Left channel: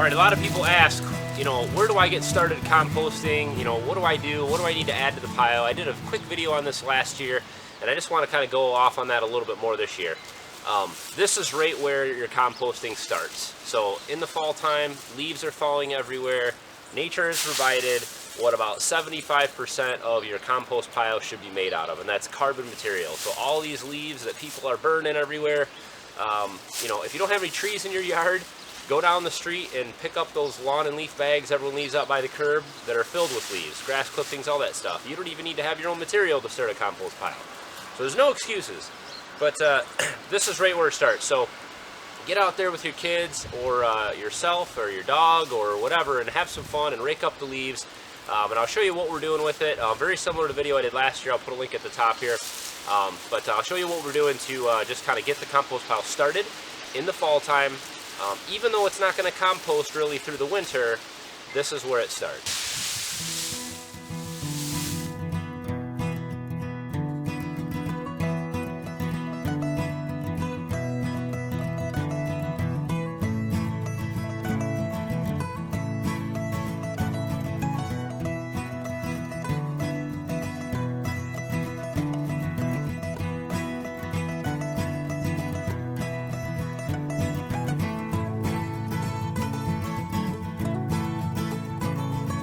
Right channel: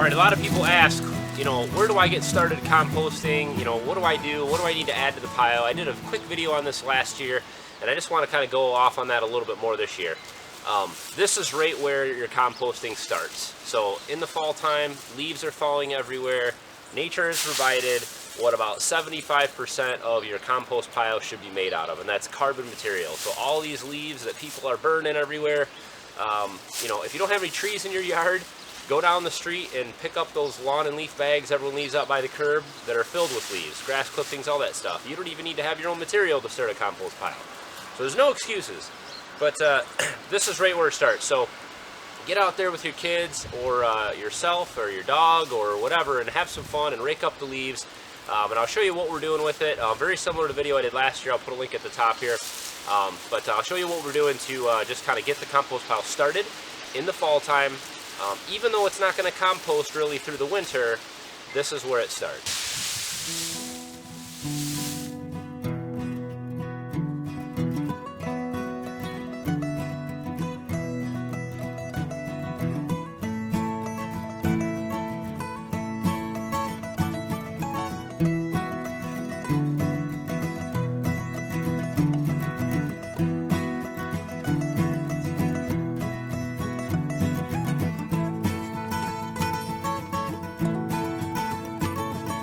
Alright, a lot of people ask, where do I get started composting? What do I do? What do I need to add to the pile? I did a quick video on this last year, and I just want to kind of go off on that a little bit more this year. This is right where your composting starts. So in the fall time, leaves are falling everywhere. Nature has provided what about 75% of your compost pile should be made out of, and that's carbon material. So all these leaves that people are burning everywhere, if you don't have any trees in your yard, go down the street and pick up those lawn and leaf bags everyone leaves out by the curb that are filled with leaves, grass clippings, all that stuff. You don't even need to have your own material to start a compost pile. So there's no excuses. But this is right where it starts. So get out there with your kids or yourself or your dog or whatever and have some fun and rake up the leaves. And I'll show you what we're doing with it. Very similar to the video I did last year. I'll put a link at the top here. But I'll show you what we're doing to just kind of get the compost pile started in the fall time. Even though it's not going to compost really through the winter, this is where it starts.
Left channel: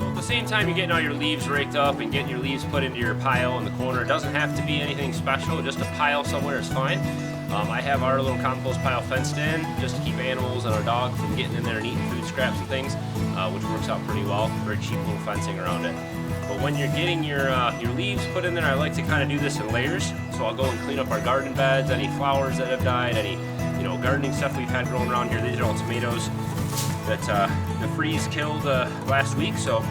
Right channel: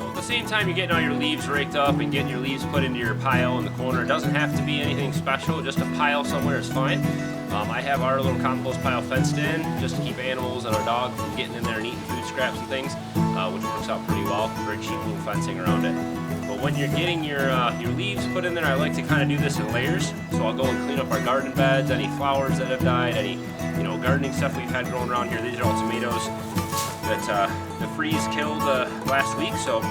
At the same time you're getting all your leaves raked up and getting your leaves put into your pile in the corner, it doesn't have to be anything special, just a pile somewhere is fine. I have our little compost pile fenced in just to keep animals and our dog from getting in there and eating food scraps and things, which works out pretty well. Very cheap little fencing around it. But when you're getting your leaves put in there, I like to kind of do this in layers. So I'll go and clean up our garden beds, any flowers that have died, any gardening stuff we've had growing around here. These are all tomatoes that the freeze killed last week. So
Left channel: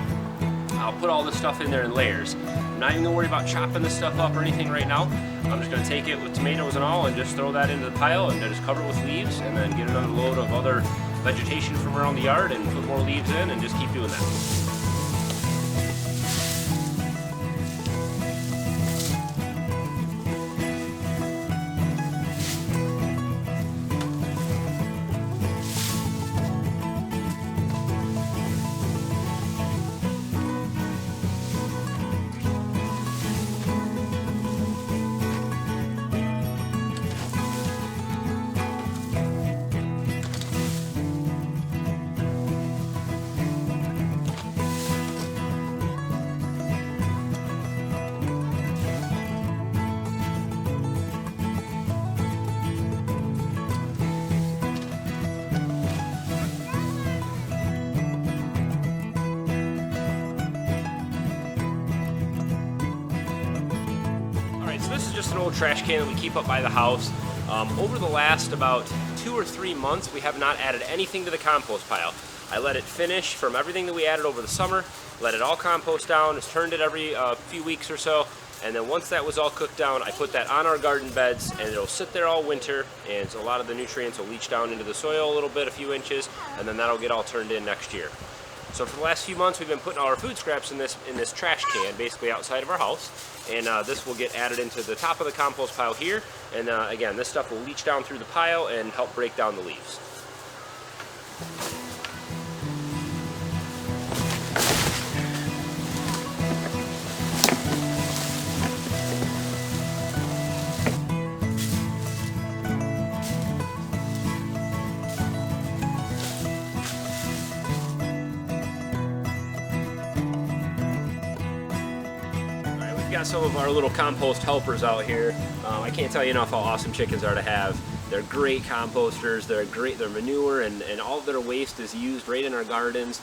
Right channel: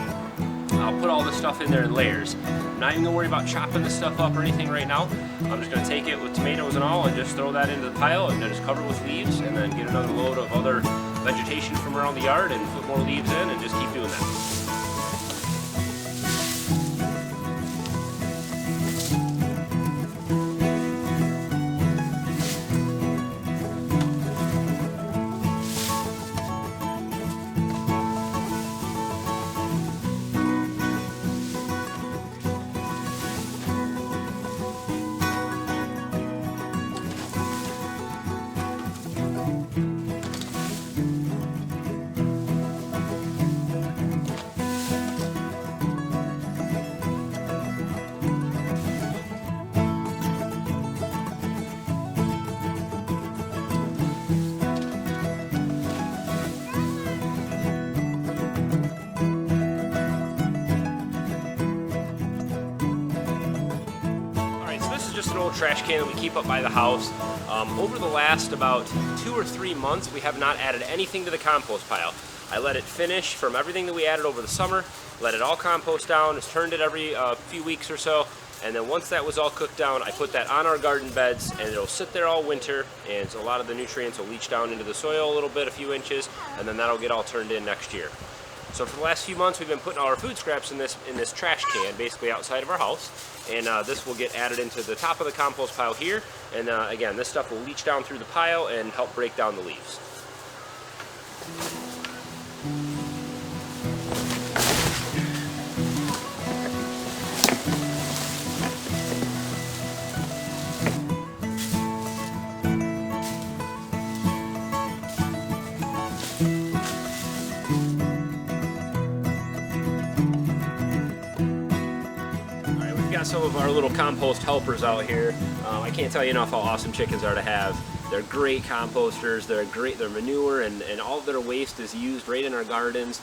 I'll put all this stuff in there in layers. I'm not even going to worry about chopping this stuff up or anything right now. I'm just going to take it with tomatoes and all and just throw that into the pile and just cover it with leaves and then get another load of other vegetation from around the yard and put more leaves in and just keep doing that. So this is just an old trash can that we keep up by the house. Over the last about 2 or 3 months, we have not added anything to the compost pile. I let it finish from everything that we added over the summer, let it all compost down, just turned it every few weeks or so, and then once that was all cooked down, I put that on our garden beds, and it'll sit there all winter, and so a lot of the nutrients will leach down into the soil a little bit, a few inches, and then that'll get all turned in next year. So for the last few months, we've been putting all our food scraps in this trash can, basically outside of our house. And this will get added into the top of the compost pile here. And again, this stuff will leach down through the pile and help break down the leaves. We've got some of our little compost helpers out here. I can't tell you enough how awesome chickens are to have. They're great composters, they're manure, and all of their waste is used right in our gardens.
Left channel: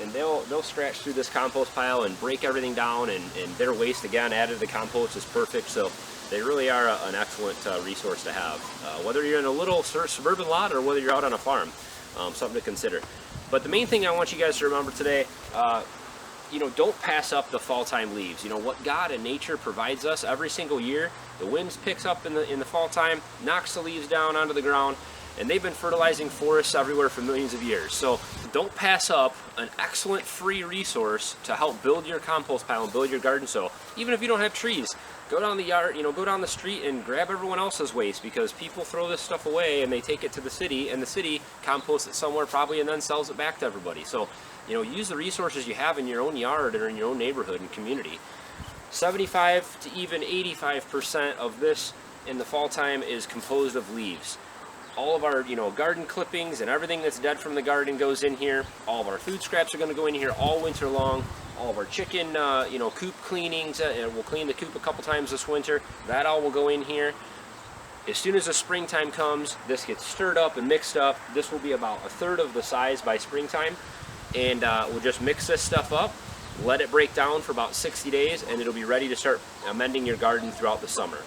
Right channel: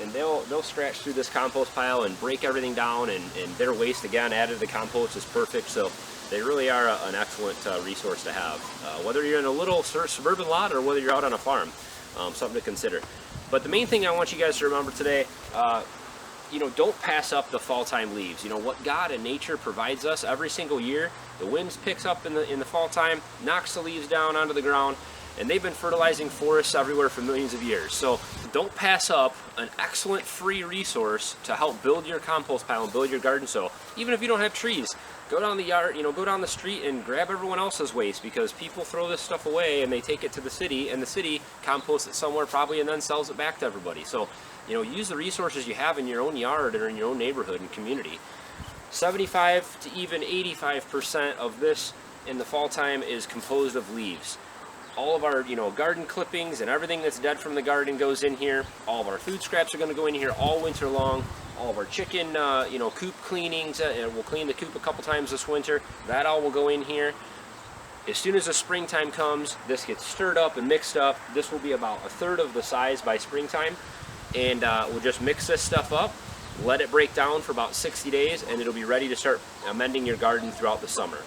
And they'll scratch through this compost pile and break everything down, and their waste, again, added to the compost is perfect. So they really are an excellent resource to have. Whether you're in a little suburban lot or whether you're out on a farm, something to consider. But the main thing I want you guys to remember today, don't pass up the fall time leaves. What God and nature provides us every single year. The winds picks up in the fall time, knocks the leaves down onto the ground, and they've been fertilizing forests everywhere for millions of years. So don't pass up an excellent free resource to help build your compost pile and build your garden soil. Even if you don't have trees, go down the yard, go down the street and grab everyone else's waste, because people throw this stuff away and they take it to the city, and the city composts it somewhere probably and then sells it back to everybody. So, use the resources you have in your own yard or in your own neighborhood and community. 75 to even 85% of this in the fall time is composed of leaves. All of our, garden clippings and everything that's dead from the garden goes in here. All of our food scraps are going to go in here all winter long. All of our chicken, coop cleanings, we'll clean the coop a couple times this winter. That all will go in here. As soon as the springtime comes, this gets stirred up and mixed up. This will be about a third of the size by springtime. And we'll just mix this stuff up, let it break down for about 60 days, and it'll be ready to start amending your garden throughout the summer.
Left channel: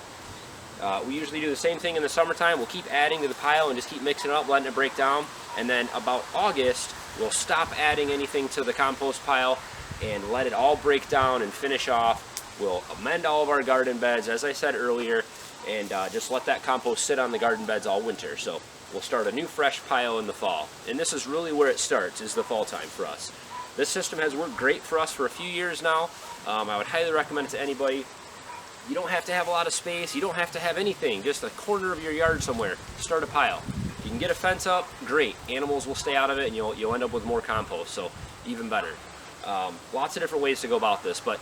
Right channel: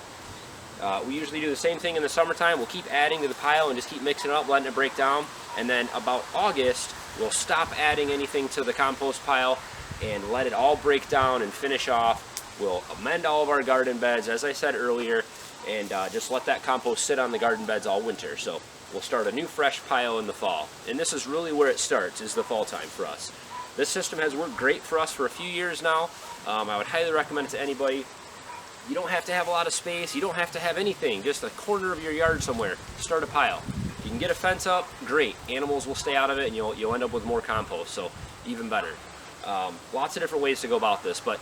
We usually do the same thing in the summertime. We'll keep adding to the pile and just keep mixing it up, letting it break down. And then about August, we'll stop adding anything to the compost pile and let it all break down and finish off. We'll amend all of our garden beds, as I said earlier, and just let that compost sit on the garden beds all winter. So we'll start a new fresh pile in the fall. And this is really where it starts, is the fall time for us. This system has worked great for us for a few years now. I would highly recommend it to anybody. You don't have to have a lot of space. You don't have to have anything. Just a corner of your yard somewhere. Start a pile. You can get a fence up, great. Animals will stay out of it, and you'll end up with more compost, so even better. Lots of different ways to go about this, but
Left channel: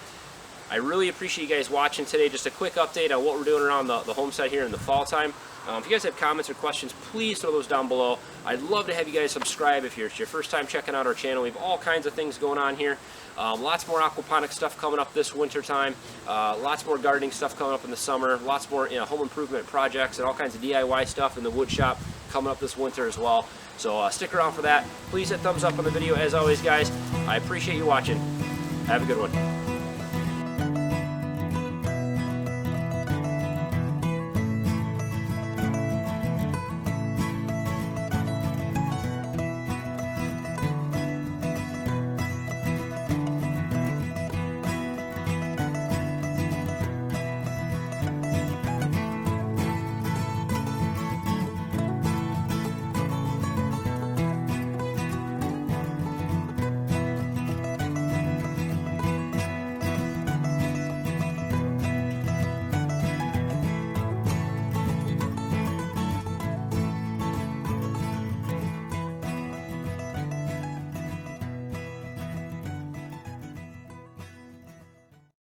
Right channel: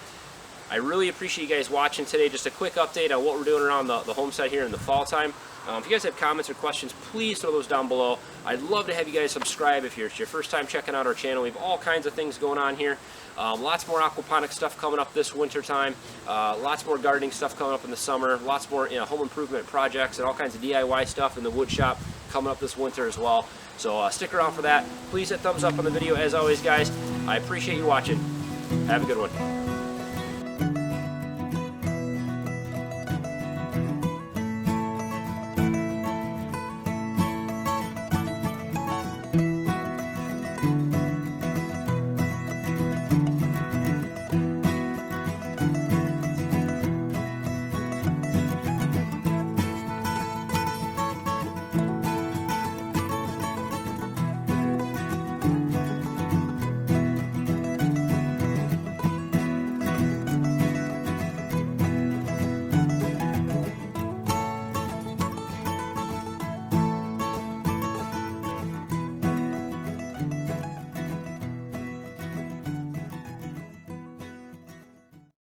I really appreciate you guys watching today. Just a quick update on what we're doing around the homestead here in the fall time. If you guys have comments or questions, please throw those down below. I'd love to have you guys subscribe if it's your first time checking out our channel. We have all kinds of things going on here. Lots more aquaponic stuff coming up this winter time. Lots more gardening stuff coming up in the summer. Lots more home improvement projects and all kinds of DIY stuff in the wood shop coming up this winter as well. So stick around for that. Please hit thumbs up on the video as always, guys. I appreciate you watching. Have a good one.